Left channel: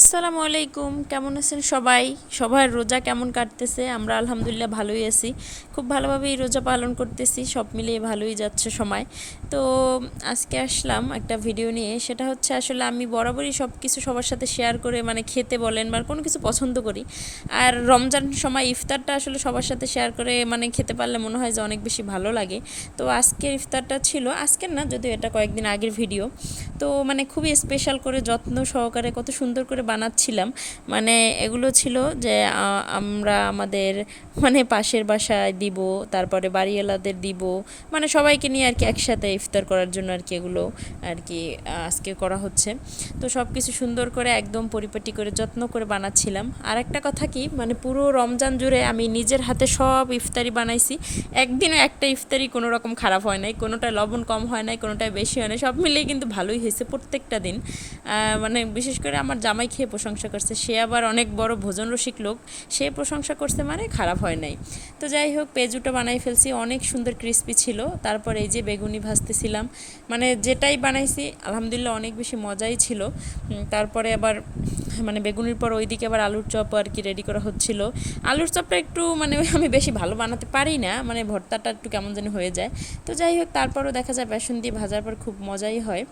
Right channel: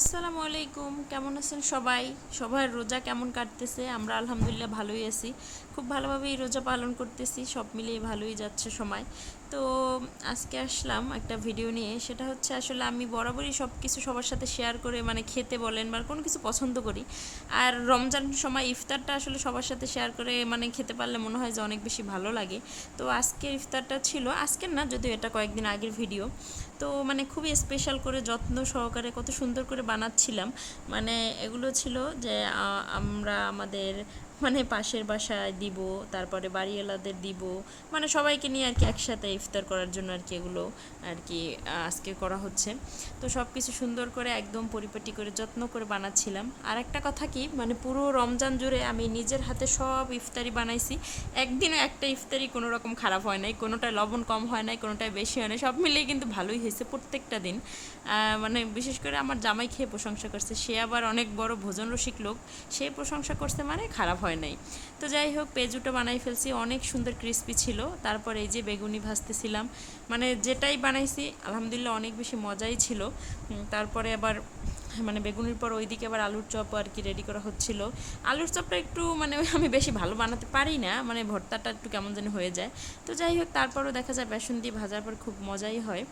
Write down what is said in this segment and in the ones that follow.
আসসালামু আলাইকুম, কেমন আছেন সবাই? সবার রোজা কেমন কাটতেছে? আমরা আলহামদুলিল্লাহ ভালোই আছি। খুব ভালোভাবেই রোজা পালন করতেছি, সব মিলিয়ে ভালোই যাচ্ছে সময়। তো আজকে আসলাম একটা ভিডিও নিয়ে, সেটা হচ্ছে আসলে আমি বরাবরই সব কিছু সবার সাথে শেয়ার করে মানে খেতে বলেন বা কোনো কিছু পছন্দ করি। আর রমজান সময় ইফতারটা আসলে সবার সাথে শেয়ার করে মানে খেতে পারলে মনে হয় যে অনেক বেশি ভালো লাগে। তো আজকের ইফতারটা ছিল, আজকের না যদিও এটা কয়েকদিন আগের ভিডিও। তো মানে খুবই স্পেশাল করে যত্ন সহকারে কত সুন্দর করে বানাচ্ছিলাম। মানে এগুলো ছিল যে আমরা আমাদের মানে পাশের বাসায় দিব, তারপরে বাড়িওয়ালাদের দিব, মানে সবাইকে নিয়ে আর কি একসাথে ইফতার করার জন্য আর কি এগুলো আর কি আজকে করা হচ্ছে। তো সব কিছু সুন্দর করে একদম পরিপাটি করে যত্ন করে বানাচ্ছিলাম। আর একটা কথা কি, মানে পুরো রমজান জুড়ে আমি নিজের হাতে সব ইফতারি বানাইছি। একদিনও একটা ইফতারি কোনো রকম খারাপ হয় নাই, কোনোটা লবণ কম হয় নাই, কোনোটায় বেশি হয় নাই, সব মিলিয়ে কিন্তু ভালোই হয়েছে প্রত্যেকটা দিন। মানে বিশেষ করে আমার জামাই খেয়ে প্রশংসা করছে, সে আবার অনেক বড় ভোজন রসিক লোক, সে প্রশংসা করছে মানে খারাপ হয় নাই। তো যাই হোক, পেঁয়াজুটা বানাই ফেলছি, অনেক সুন্দর ক্রিস্পি ছিল। তারপরে এই যে বেগুনি ভাজতেছিলাম, মানে যেটাই বানাইছি আলহামদুলিল্লাহ অনেক বেশি মজাই ছিল। তারপরে আবার মানে বেগুনির পর ওইদিকে আবার আলুর চপ আর কি রেডি করা হচ্ছিল। আলুর চপটা একটু মানে আমি বেশি ভালো বানাতে পারি না, মানে ভর্তাটা একটু কেমন যেন হয়ে যায়। তো যাই হোক, তারপরও দেখা যায় বেসন দিয়ে ভাজার পর খুব মজাই হয়।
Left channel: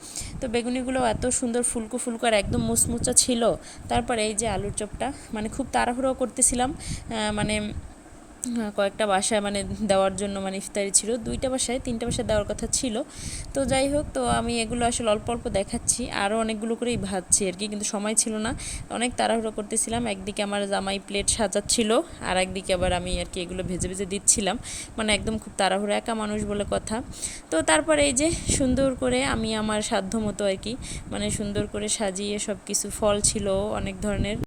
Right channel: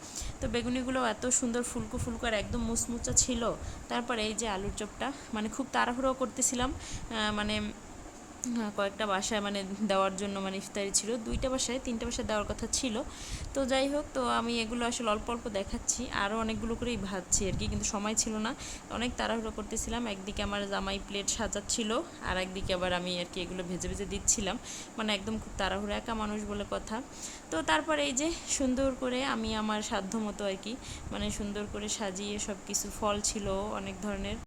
তো বেগুনিগুলো এত সুন্দর ফুলকো ফুলকো আর একদম মুচমুচা ছিল। তারপরে এই যে আলুর চপটা মানে খুব তাড়াহুড়ো করতেছিলাম, মানে কয়েকটা বাসায় মানে দেওয়ার জন্য, মানে ইফতারি ছিল 2টা বাসায় 3টা বাসায় দেওয়ার কথা ছিল। তো যাই হোক, তো আমি এগুলো আসলে অল্প অল্প দেখাচ্ছি, আরও অনেকগুলো করেই ভাজছি আর কি, কিন্তু সময় ছিল না, অনেক তাড়াহুড়ো করতেছিলাম। একদিকে আমার জামাই প্লেট সাজাচ্ছিল, আর একদিকে আবার আমি আর কি এগুলো ভেজে ভেজে দিচ্ছিলাম, মানে একদম খুব তাড়াহুড়ো, একা মানুষ বলে কথা। তো তারপরে এই যে সুন্দর করে আমি আমার সাধ্য মতো আর কি মানে সুন্দর করে সাজিয়ে, সব কিছু ফল ছিল অনেক ধরনের।